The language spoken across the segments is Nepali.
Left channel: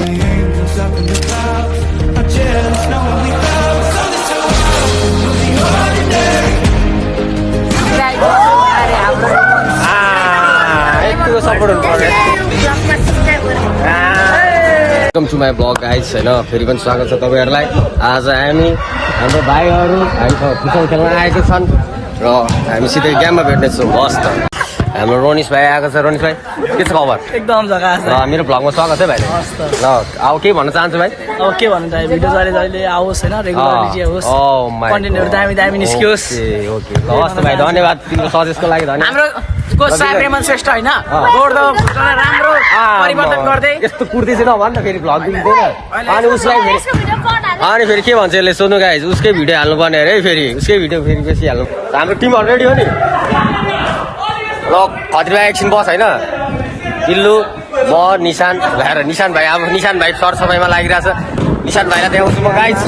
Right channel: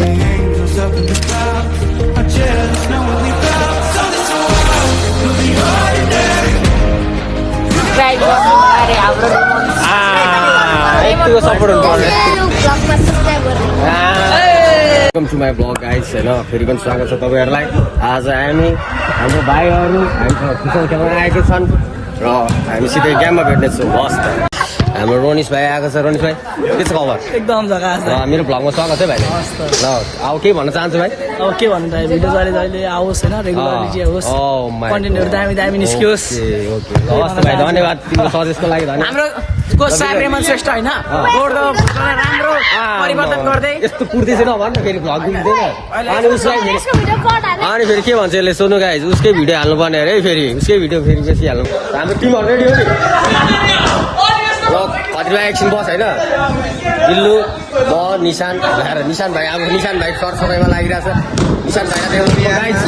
The angels up in the clouds are jealous knowing we felt something so wild through the ordinary. Welcome to my blog guys होइन फेरि पनि स्वागत छ तपाईँहरूलाई। आज हामी हाम्रो भाइहरू हामी फुटबल खेल्न आएको छन् र हामी सिधै गेममा भेट्नेछौँ। मस्त हाम्रो रोनिस भाइ आएको छ। रोनिस भाइ के छ खबर? एकदम जग्गा छ। मेरो भ्लगमा स्वागत है भाइ। ल अब के भन्न चाहन्छु भाइ? अब के भन्नु त, भिडियो जहिले जहिले आओस् होइन, रेगुलरली होस्, कन्टेन्टहरू दामी दामी निस्कियोस्। ओके ल हस् भाइ, धन्यवाद तिम्रो सजेस्टको लागि। धन्यवाद। हाम्रो सार रेमन श्रेष्ठ होइन, राम्रो परिवर्तन गर्दै यस्तो कुर्ती चाहिँ नभन् न, फेरि भ्लग दिँदैन। अनि उसलाई अनि फेरि के भन्छ यसले, सोध्नु गाइज उसकै भिडियो हाल्नुपर्ने अरे फेरि, उसकै भिडियो फेरि बेसी हाल्नु। हाम्रो टिमहरू रेडी हो नि? ल खत्रीमा एकछिन बस होइन। बिल्लु, म, निशान भएर निशान भाइ, अब निशान भाइ सरसफाइमा लागिरहेछ। निशान भाइलाई देखाउँछु म गाइज।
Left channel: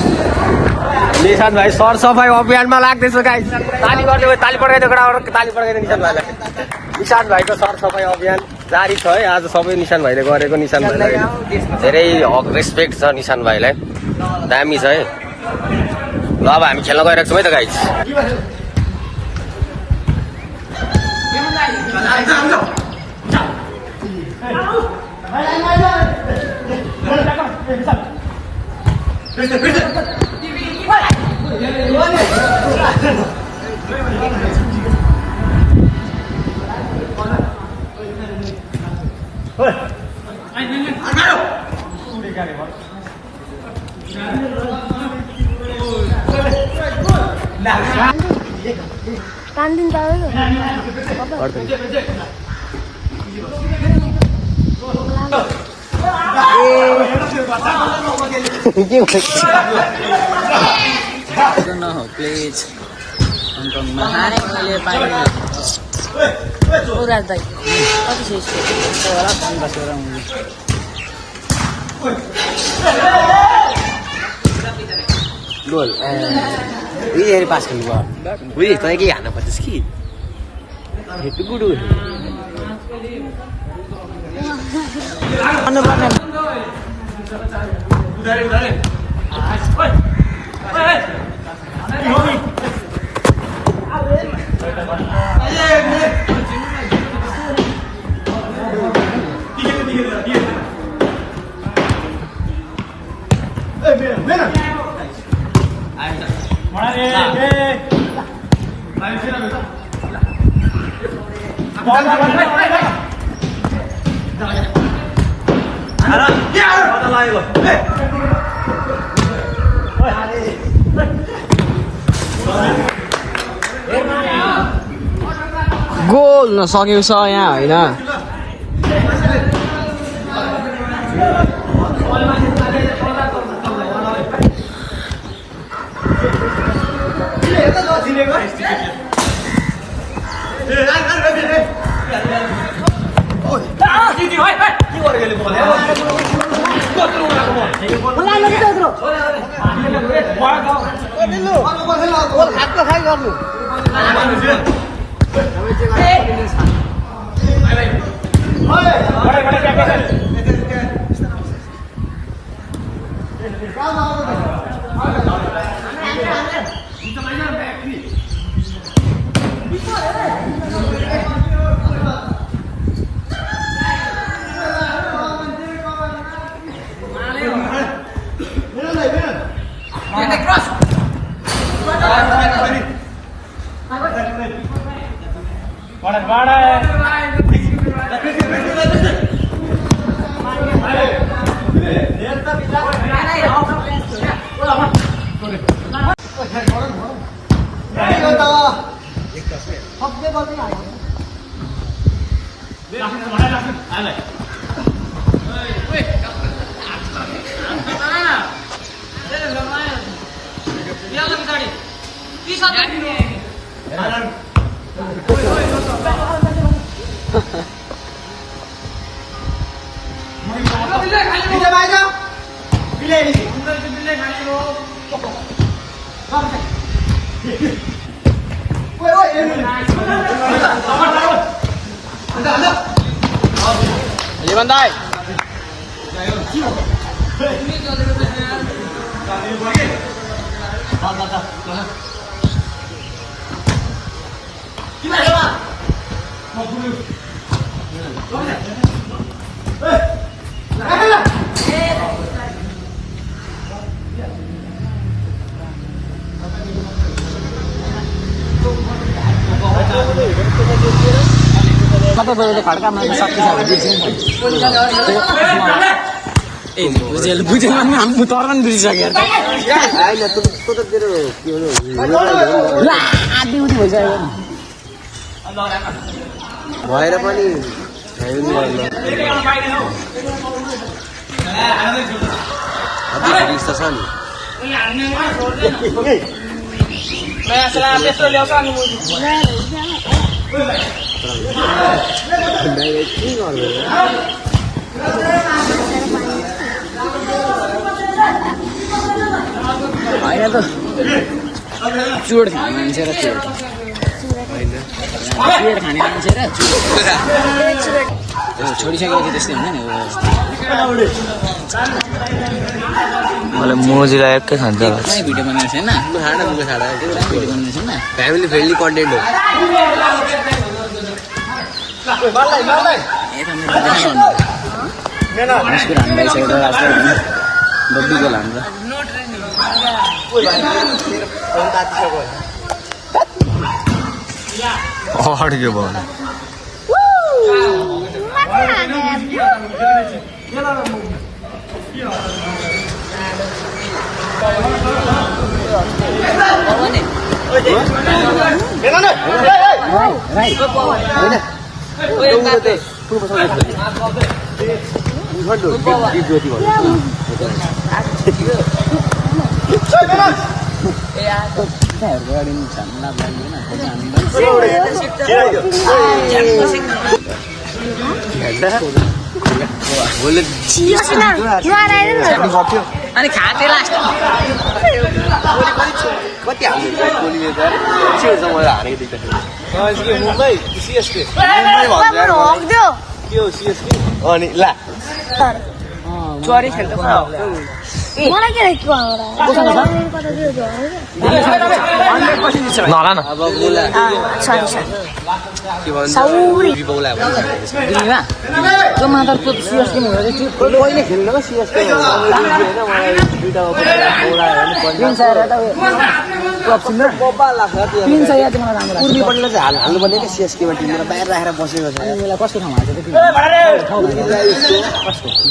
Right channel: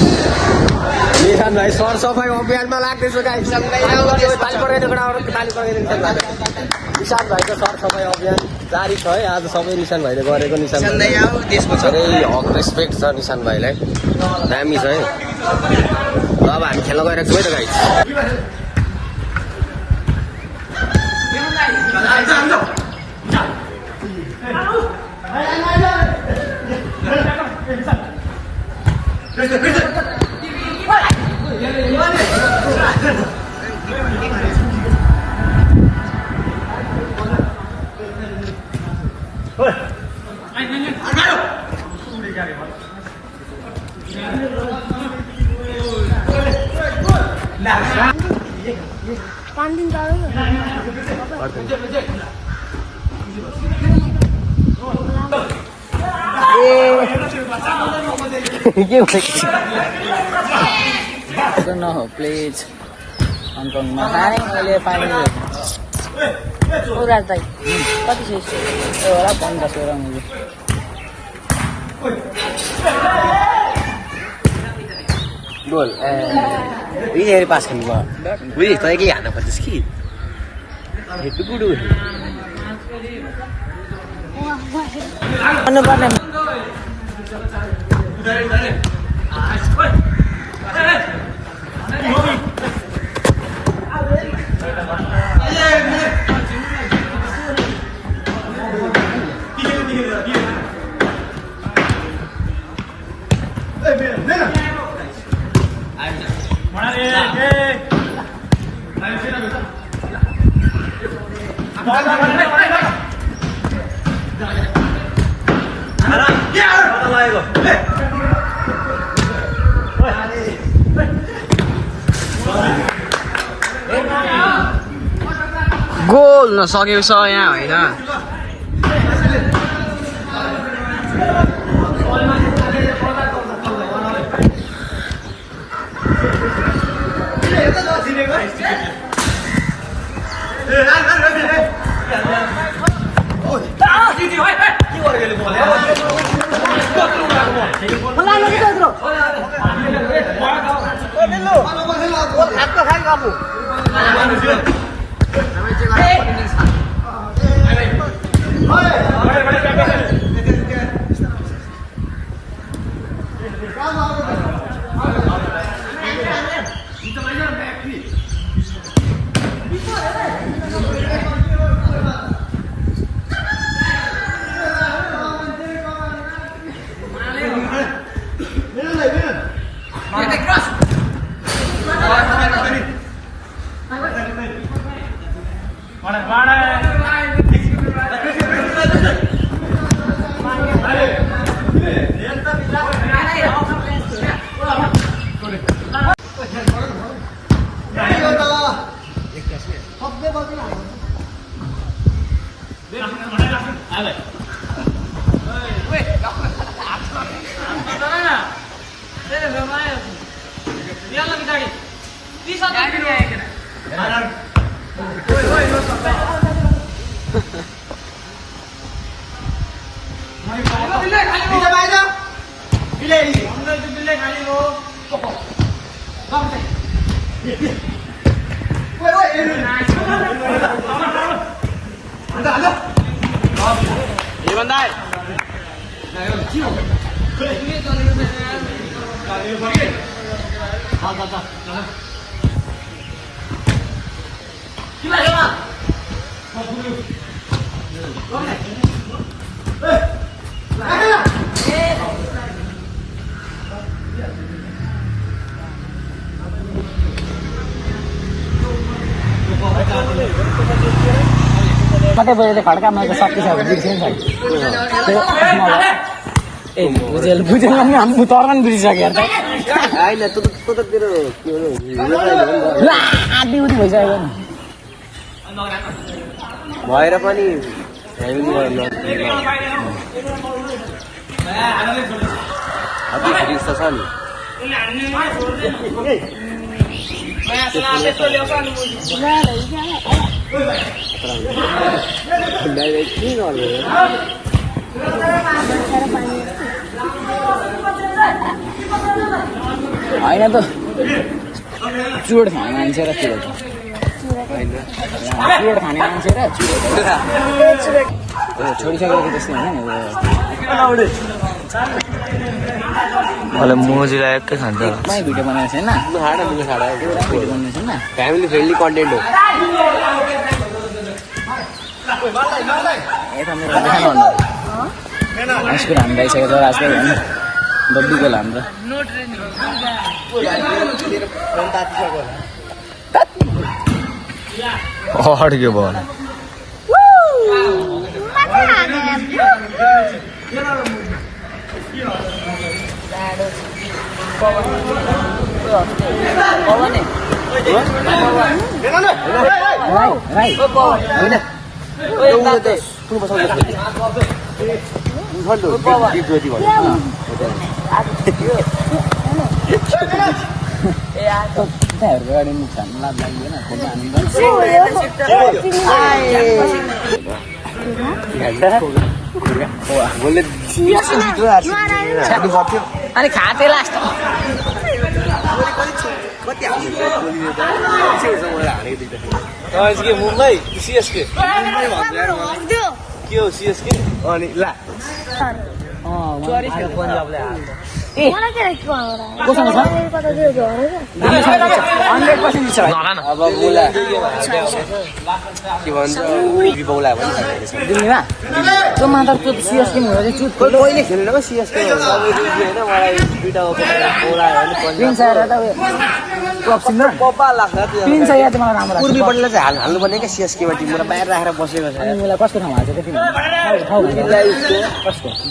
निशान भाइ सरसफाइ अभियानमा लाग्दैछ गाइज। ताली गर्दै ताली पड्काइदियो, ताली पड्काइदियो निशान भाइ। निशान भाइको सरसफाइ अभियान जारी छ है आज। सबै निशान भाइले गरेको। निशान धेरै रेस्पेक्ट छ निशान भाइलाई, दामी छ है। ल अब हामी खेल्न गइरहेको छौँ है त गाइज। प्लिज गोल फेरि पास खेल्नु बुझेँ। तँ के हाल्नु खोज्छस् कि हेप्पी गुडु गोल नसकेको छ यहाँ होइन। बुझेन बिर्सिसक्यो भएर पनि चुरोट खाने मान्छे र चुरोट खाने मान्छे र छोडिसकेको त्यस्तै होइन मलाई मोजीलाई एकै खान्छ होला भिडियो बनाएको छैन फ्यामिली फ्रेन्डली कन्टेन्ट हो यता मेरो डब्बीको लान्छ अड्क्यो भयो अनि खाते लास्ट अनि ला चरी खेल्छ मलाई के नला न पूर्वीपल्टलाई चाहिँ हाल्नुपर्ने क्या सिएसकेमा टिमले बाहिर राखेर बसेको छ कस्तो ठाउँ हाल्छ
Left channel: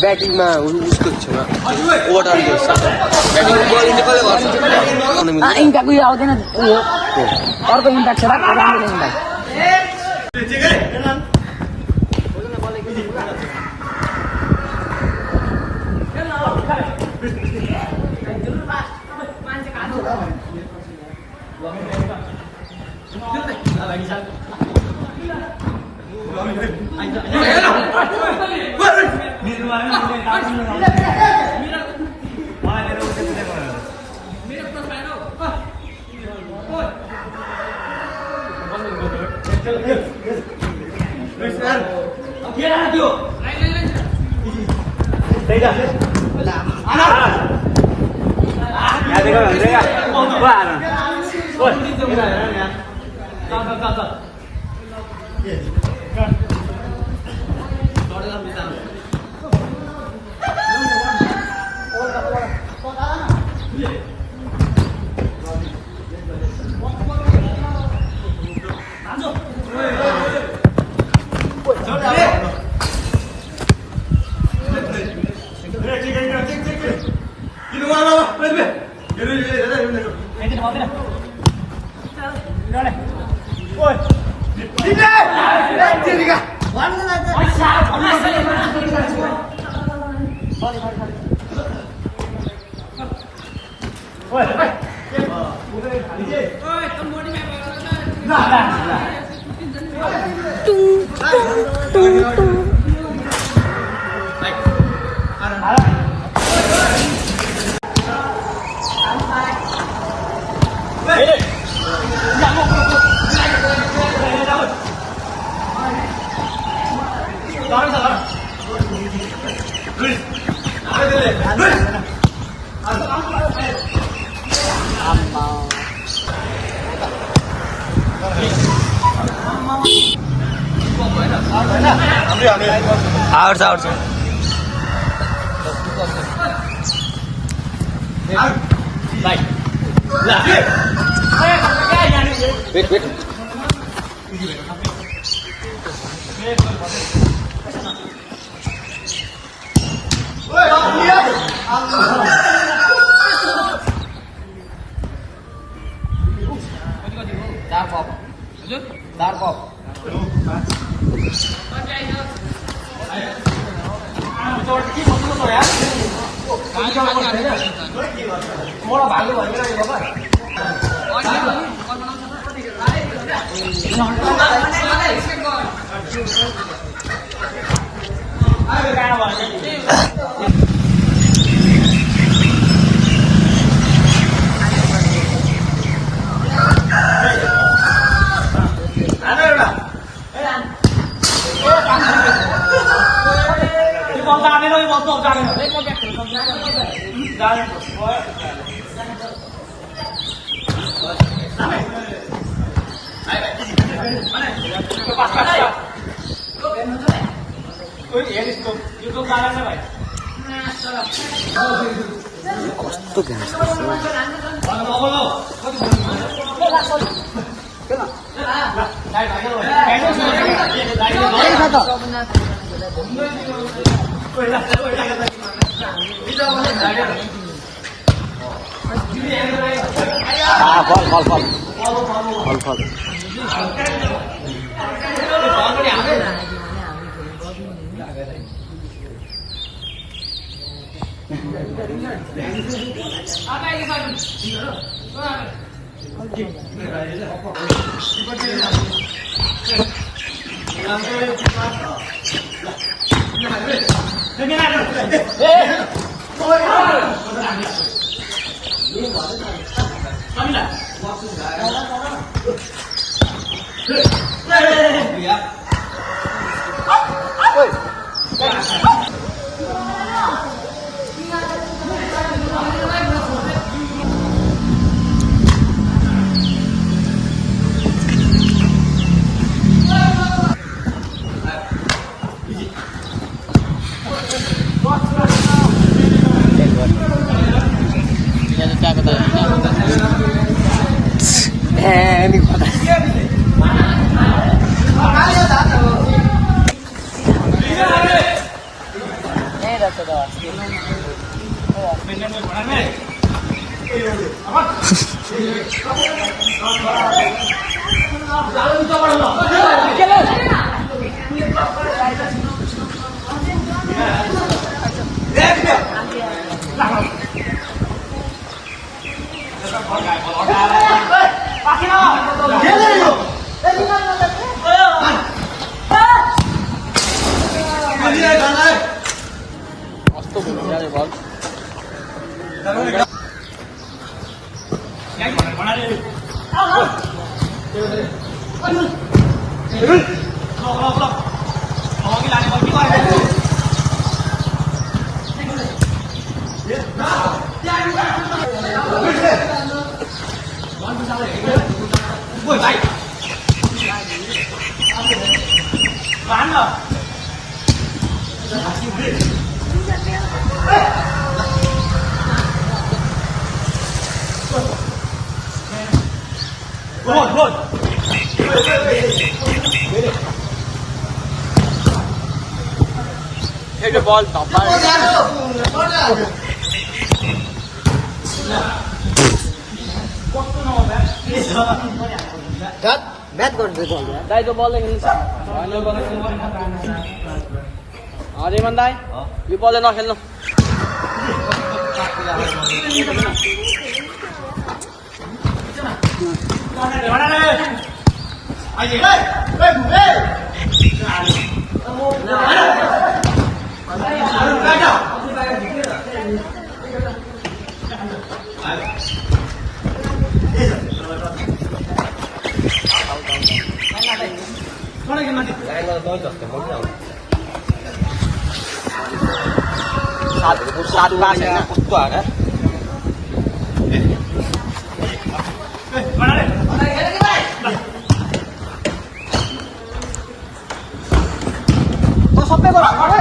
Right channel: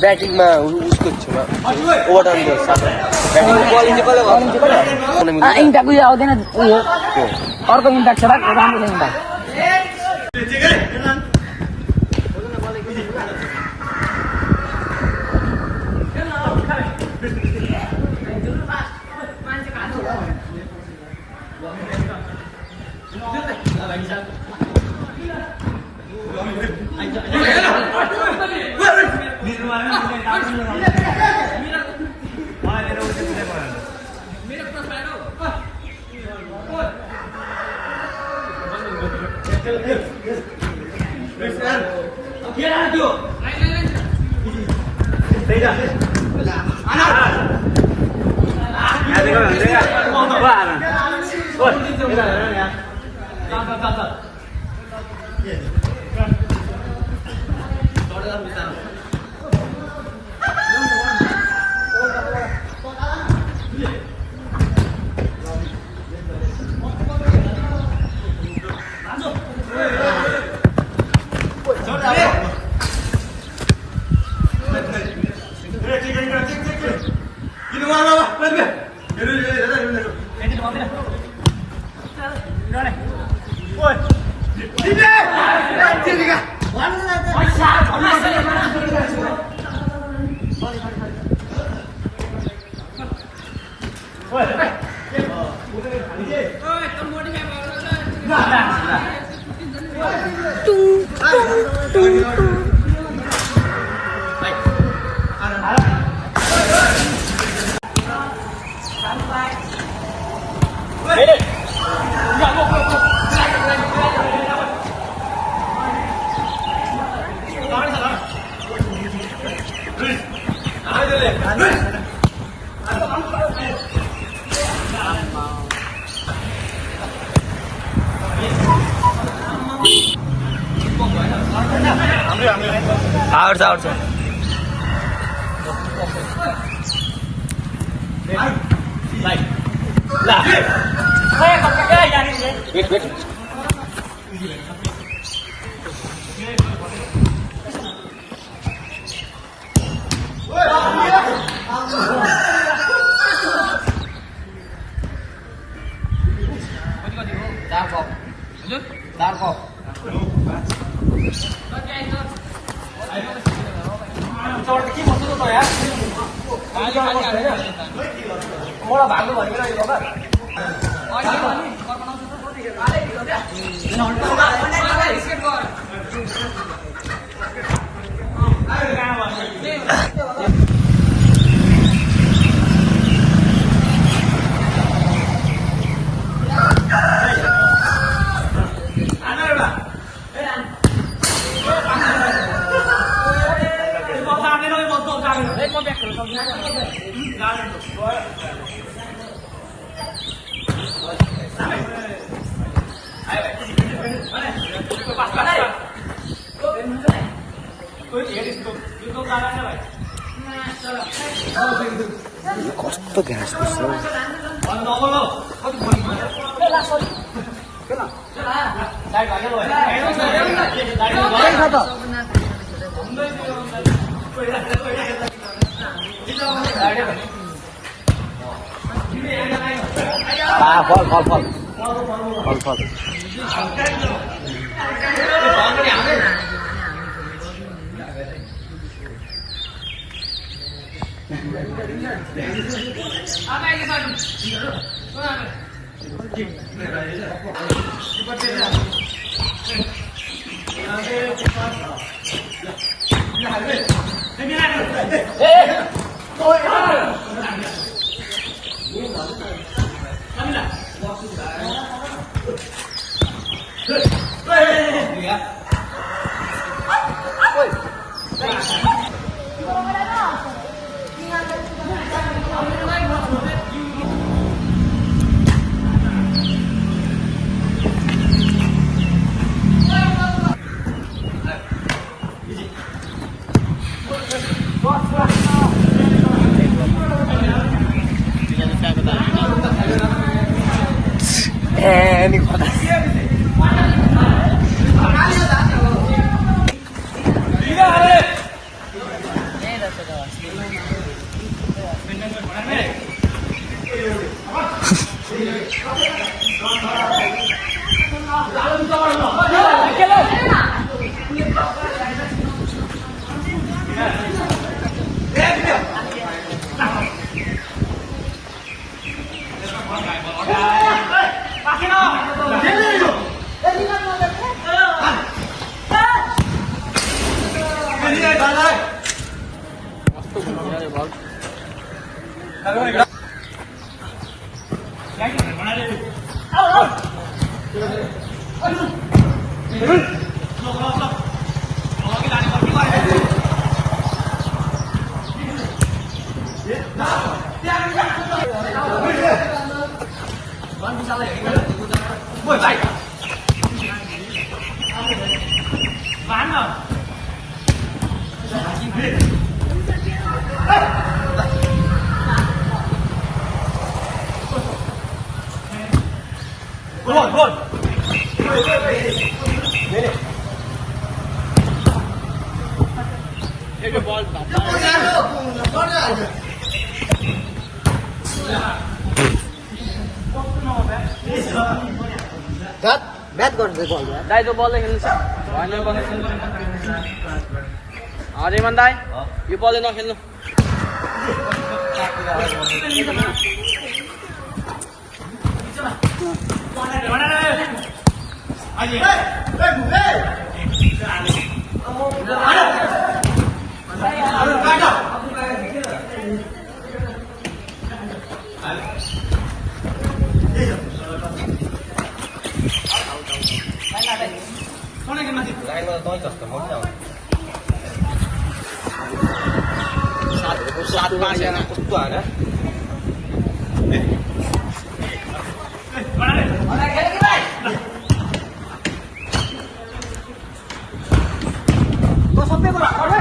ब्याटिङमा उसको छेउमा ओभरटाइम गर्छ इन्टाको यो आउँदैन अर्को इन्टाक छ आउँछ आउँछ म्याच गर्दै बल दाइ त बलले खेल्नु अरे मन दाइ यो बलले नखेल्नु सबै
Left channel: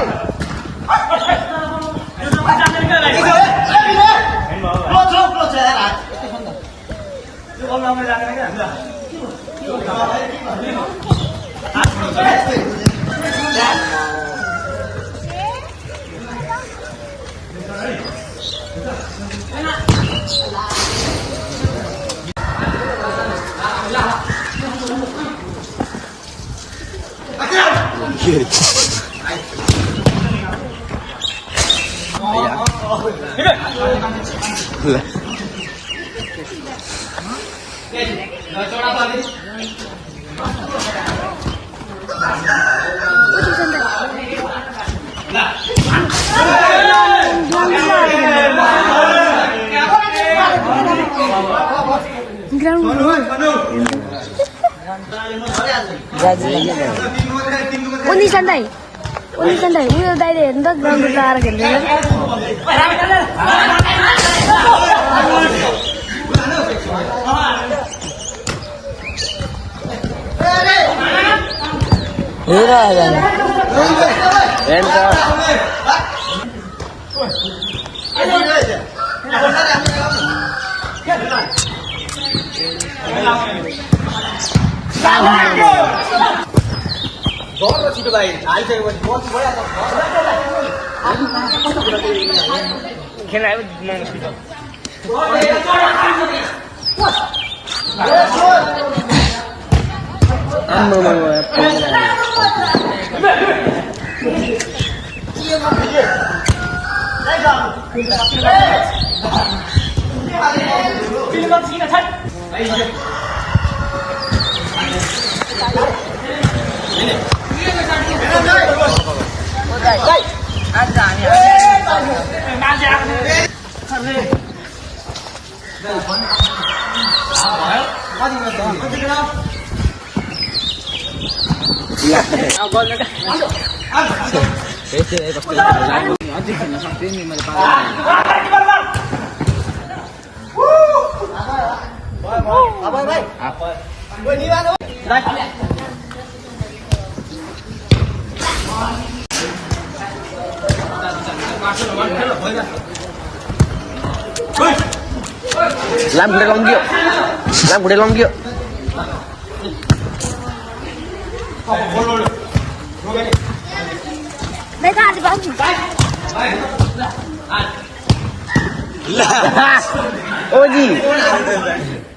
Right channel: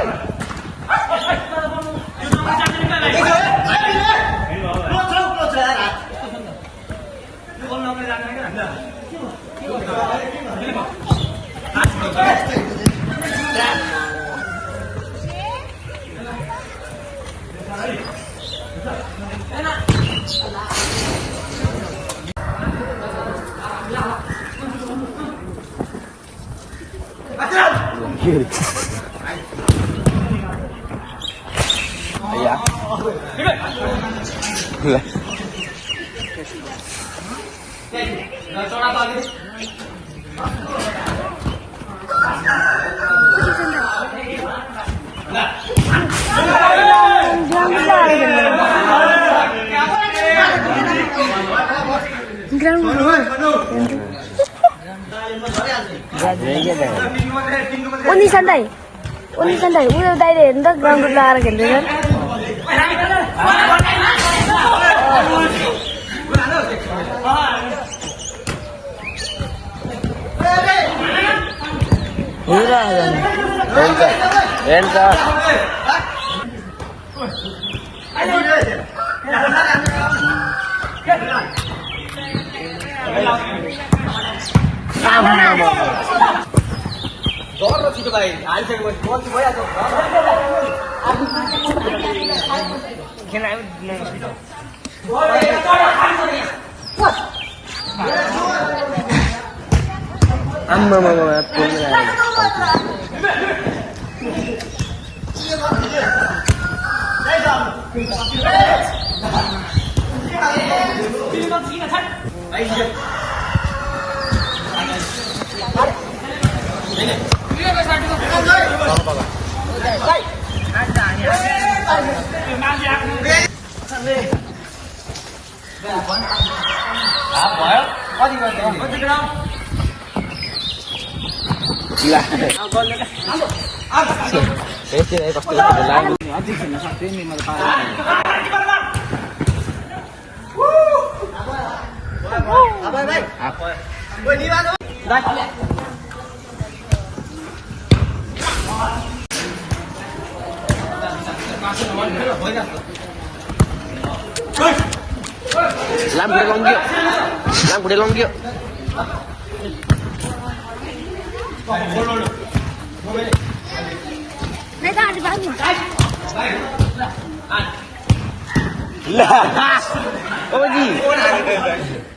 Uni santai. Ini dari hendak ground kelar gini. Làm cái lông kia. Đây ra thì có gì?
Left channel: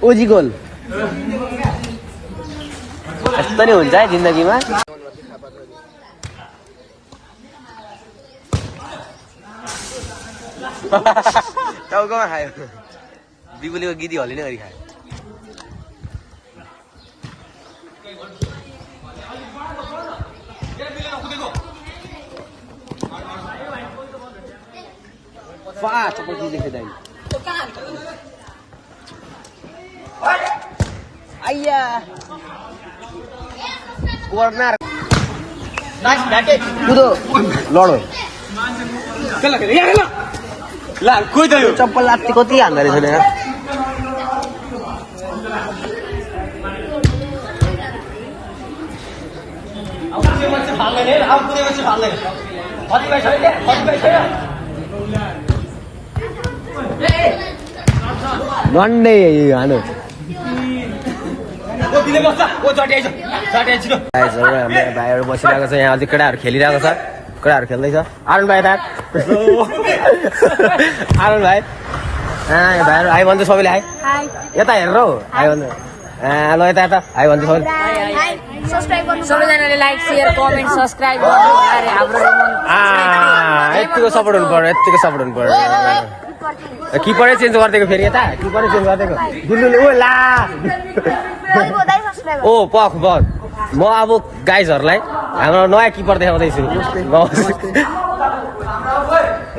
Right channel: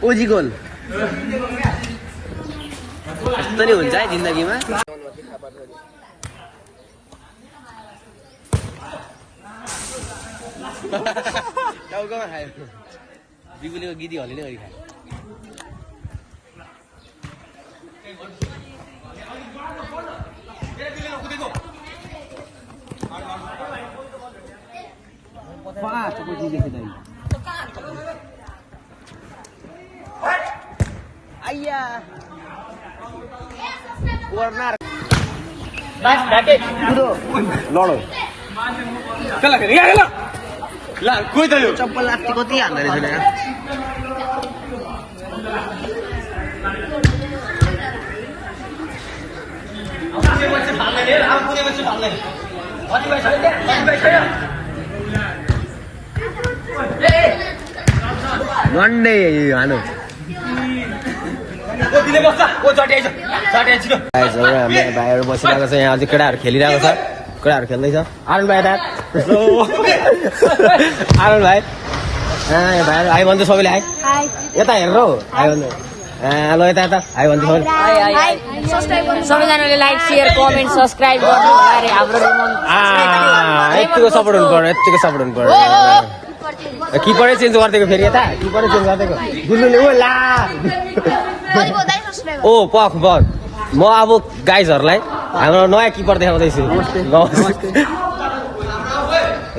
ओजी गोल यस्तो नि हुन्छ है जिन्दगीमा टाउकोमा खायो बिबुलीको गिदी हल्ली नै गरी खायो चप्पल चीज देखे दाई आइया कॉर्नर नाइस बैटिंग कुदो लडो कला कर यहाँ कला ला कोई दयो चप्पल लात्ती कति हान्दा रहेछ यार One day हानो हामी भाइहरू बसिरहेको छ यहाँ अझै केटाहरू खेलिरहेको छ केटाहरू खेल्दैछ आरुण भाइ दाँत आरुण भाइ यहाँ भाइहरू आइ भन्छ सबैले आइ यता हेरेर हौ आइ भन्छ ल यता यता आइ भन्छ सबैले सबैजनाले लाइक शेयर कमेन्ट सब्स्क्राइब गर्नु होला रे हाम्रो यतिको सपोर्ट हुनु पर्यो यतिको सपोर्ट हुनु पर्यो किपरै चेन्ज गरिदिएको फेरि यता किपरै चेन्ज गरिदिएको गुल्लुले ओ ला ओ पख बस म अब गाइजहरूलाई हाम्रो नयाँ किपर देखाउँदैछु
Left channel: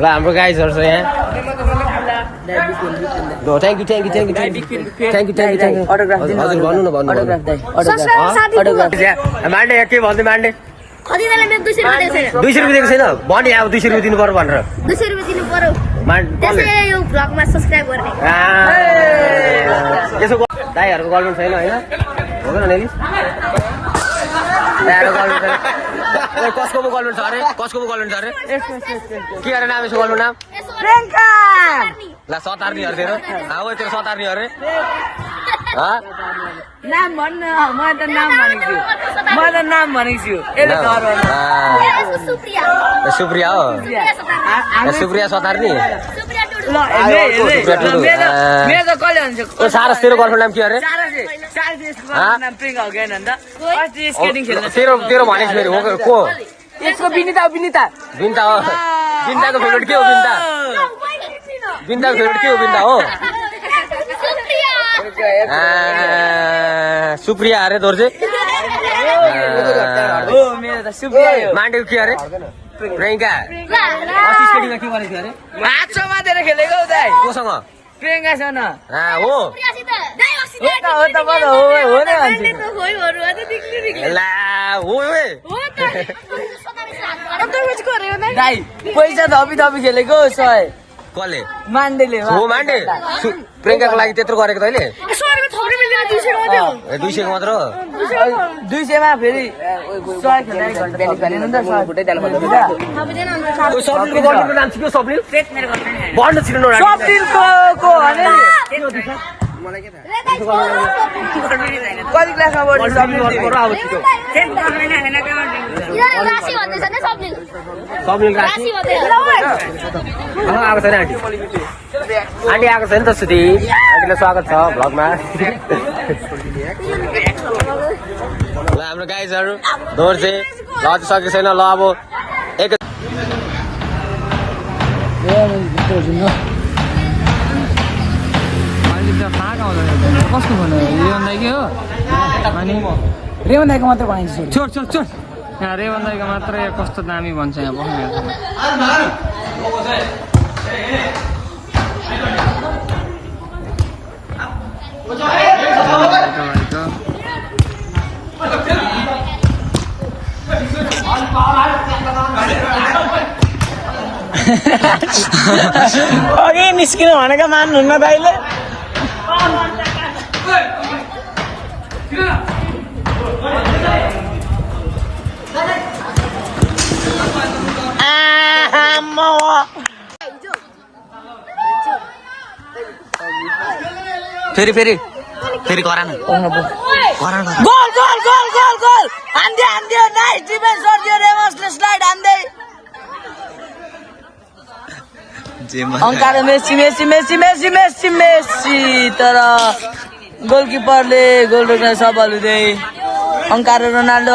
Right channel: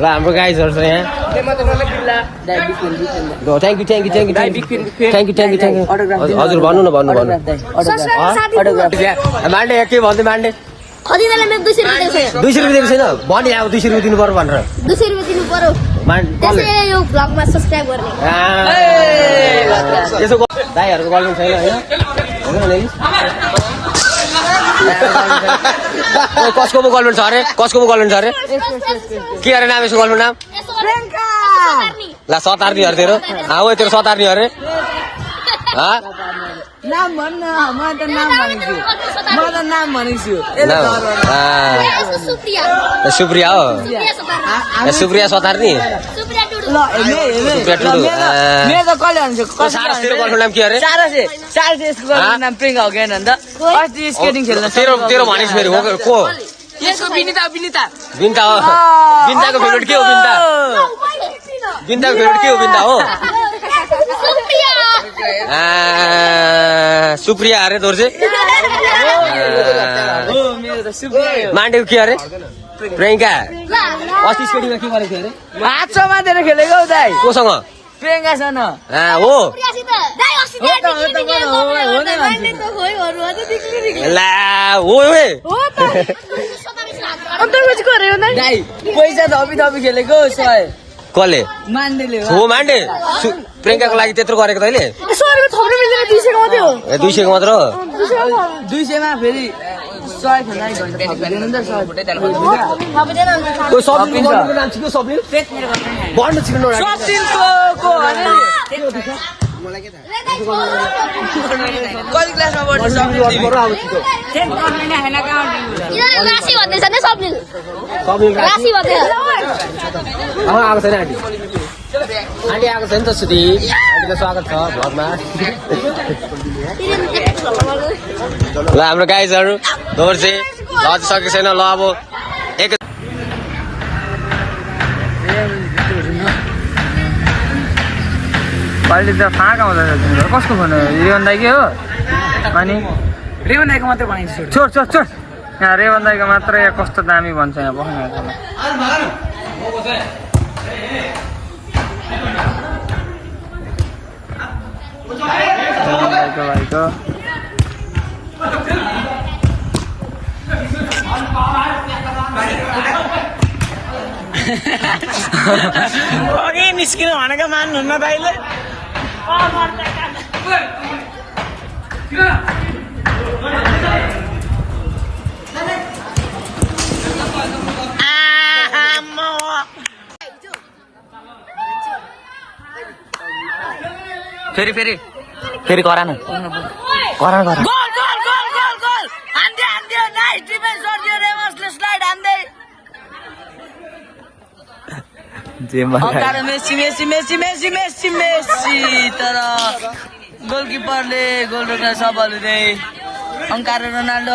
ल हाम्रो गाइजहरू छ यहाँ थ्याङ्क यू हजुर भन्नु न भन्नु मान्डे के भन्दै मान्डे 200 रुपियाँ दिएको छैन भने अब 200 रुपियाँ दिनु पर्यो भनेर 200 रुपियाँ दिनु पर्यो त्यसैले यो भ्लगमा सब्स्क्राइब गर्ने त्यसो दाइहरूको गर्नु छैन होइन हो न कसको पो गर्लफ्रेन्ड छ अरे कसको पो गर्लफ्रेन्ड छ अरे के अरे नाम यसको गर्लफ्रेन्ड नाम ला सतार्नी अरे तेरो ओ तेरो सतार्नी अरे नाम भन्न म त नाम भनेको छु सुप्रिया हो सुप्रिया सतार्नी सुप्रिया टुडु सारस तेरो गर्लफ्रेन्ड नाम के अरे तेरो तेरो भनेको फेरि हो को यसको विनिता बिन्ता हो बिन्ताको फेभरेट के हो बिन्ताको फेभरेट के हो बिन्ता हो सुप्रिया अरे तोर चाहिँ मान्डेको के अरे प्रियङ्का अस्ति स्टेडियममा के गरेको थियो अरे हातमा दिएर खेलेको दाइ कोसँग प्रियङ्कासँग हो ला हो दाइ पैसा थपी खेलेको सय कसले मान्डेले हो मान्डे प्रियङ्काको लागि त्यत्रो गरेको तैँले 200 मात्र हो 200 मा फेरि 100 खेल्दै आएको छैन आन्टी आन्टी आएको छैन त सुधी आन्टीलाई स्वागत छ भ्लगमा ल हाम्रो गाइजहरू दौड चाहिँ ल अझै सकेको छैन ल अब एक अहिले त फाँका हुँदैछ कसको फोन हो रेवन दाइकै हो अनि रेवन दाइको मात्रै बनाइन्छ छोड यहाँ रेवन दाइको मात्रै कस्तो दामी भन्छ यहाँ बस्नु भाइको अघि निस्किनु भनेको मान्नुहुन्न दाइले फेरि गर न अंकार मेसी तर गोलकिपरले गोल रोक्न सफल हुँदै अंकार रोनाल्डो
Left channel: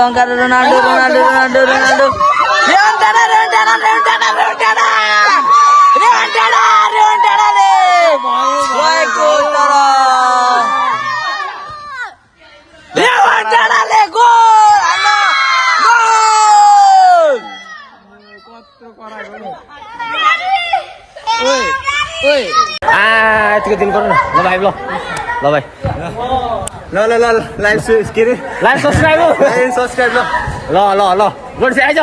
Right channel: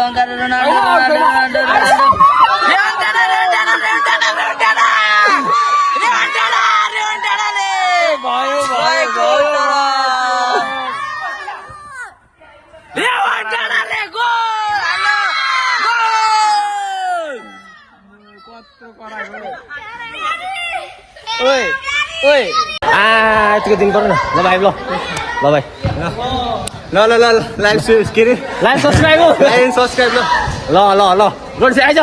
यतिको दिन पर्यो न ल भाइ ल भाइ ल लाइभ के अरे लाइभ सब्सक्राइब ल गोड चाहिँ आइज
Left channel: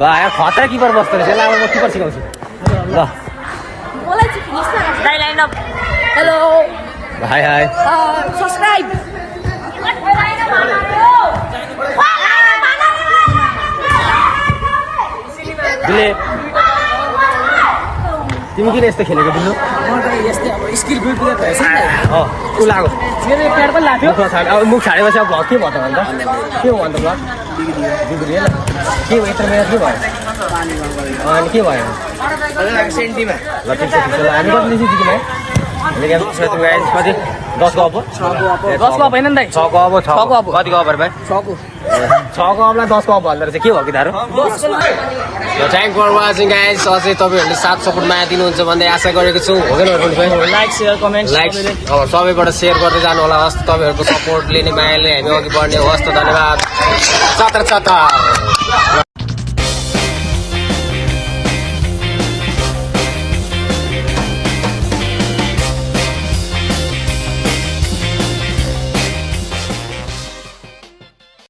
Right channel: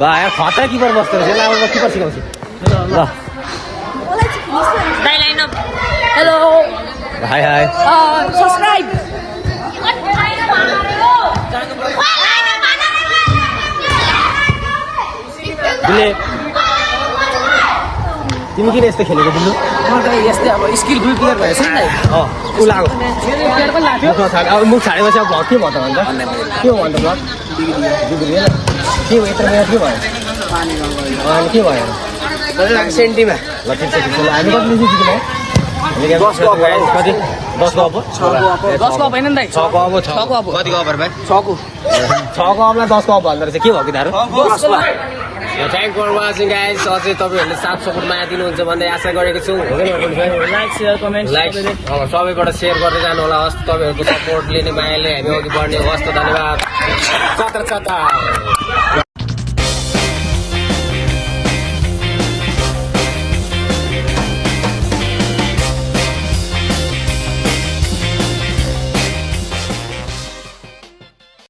बा यार खतरा किपर बस्दो रहेछ ल अब म किपर सिकाउँछु ल हेलो हाई सब्सक्राइब दिले तिमी किन यस्तो खेलेको दिनु म त यस्तै अब स्किल दुई प्लेयर भएछ नि ऊ लाग्यो मुख छाडेपछि अब भ्लग के भयो त अन्त के हो अन्त भ्लग बिग्रियो के भयो यत्रो मेहनत के भयो अनि के भयो सेन्टीमा ल ठिक छ हामी कति जित्यौँ कति 10 को अब 6 को अब कतिको अबर भाइ 6 को अबलाई 10 को अब भन्दो रहेछ के भयो कि दारु थ्याङ्क फर वाचिङ गाइज अझै तपाईँहरूले साथ सपोर्ट माया दिनुहुन्छ भन्दै आशा गरेको छु हुँदैन लाइक सेयर कमेन्ट सबैबाट सेयर गर्दै जानु होला हस् तपाईँहरूको सपोर्टले नै मायाले हामी अघि बढ्ने हस् त धन्यवाद चतर